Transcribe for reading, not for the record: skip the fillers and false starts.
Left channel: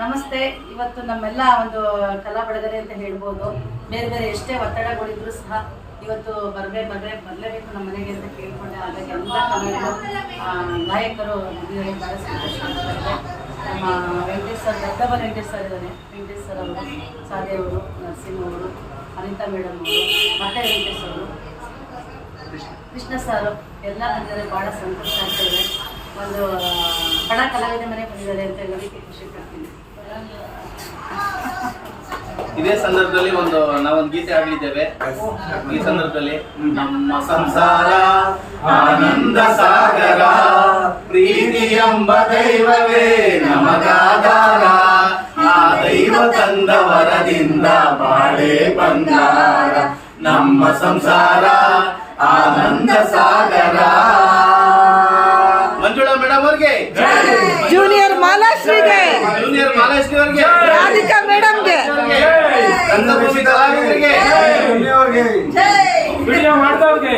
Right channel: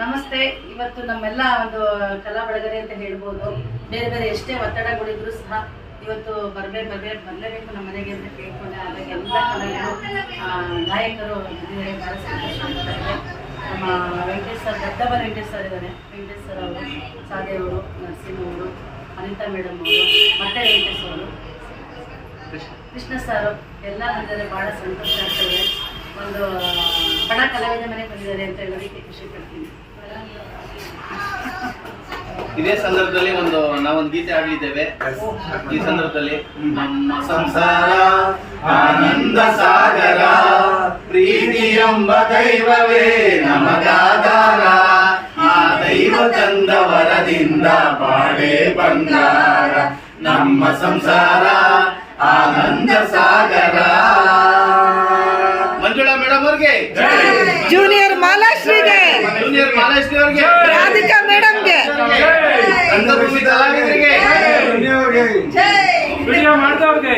ನಮಸ್ತೆ. ಇವತ್ತು ನಮ್ಮೆಲ್ಲ ಒಂದು ಕಲಾ ಬೆಳಗರೆ ಅಂತ ಹೇಳ್ಬೋದು. ಬೇರೆ ಬೇರೆ ಎಷ್ಟೇ ಒತ್ತಡಗಳಿದ್ರು ಸಹ ಇವತ್ತು ಬರಲೇಬೇಕು ನಮ್ಮ ಮನೆಗೆ ಅಂತ ಕೇಳ್ಕೊಂಡೆ. ಹಾಗಾಗಿ ಎಲ್ಲ ಕಲಾವಿದರು ಗಾಯಕರು ಬಂದಿದ್ದಾರೆ. ಭಾಳ ಸಂತೋಷ ಆಗ್ತಾ ಇದೆ. ನಮ್ಮ ವೆಂಕಟೇಶ್ ಸರ್, ದೊಡ್ಡಬ ವೆಂಕಟೇಶ್ ಸರ್ ಇದ್ದಾರೆ. ವೆಂಕಟೇಶ್ ಸರ್ ಅವರು, ಸಾಧೆ ಅವರು, ನರಸಿಂಹ ಅವರು, ಅನಿತಾ ಮೇಡಮ್ ಅವರು, ಮತ್ತೆ ವೆಂಕಟೇಶ್ ಅವರು, ಕೃಷ್ಣ ಸರ್ ಎಲ್ಲ ಬಂದಿದ್ದಾರೆ. ಭಾಳ ಸಂತೋಷ ಆಗ್ತಾ ಇದೆ. ಒಂದು ಬಡ ಕಲಾವಿದ ಮನೆ ಬಂದಿದ್ದಾರೆ ಅಂತ ಹೇಳೋದಕ್ಕೆ ಖುಷಿ ಪಡ್ತೀನಿ. ಇದೇ ಸಂದರ್ಭದಲ್ಲಿ ನಾವೊಂದು ಗೀತೆ ಆಡಲಿದ್ದೇವೆ. ಈ ಸಂದರ್ಭದಲ್ಲಿ ನಮ್ಮ ಸಂಸಾರ ಆನಂದ ಸಾಗರ, ಪ್ರೀತಿ ಎಂಬ ದೈವವೇ ನಮಗಾಧಾರ, ಆ ದೈವ ತಂದ ವರದಿಂದ ಬಾಳೆ ಬಂಗಾರ, ನಮ್ಮ ಸಂಸಾರ ಆನಂದ ಸಾಗರ. ಮಂಜುಳಾ ಮೇಡಮ್ ಅವ್ರಿಗೆ, ಜೂನಿಯರ್ ಮಾಲಾಶ್ರೀಗೆ, ಜೂನಿಯರ್ ಮಾಲಾಶ್ರೀ ಅವ್ರಿಗೆ, ರಾಧಿಕಾ ಮೇಡಮ್ಗೆ, ರಂಗಭೂಮಿ ಕಲಾವಿದರಿಗೆ, ವಿಡಿಯೋ ಮಾಡ್ದವ್ರಿಗೆ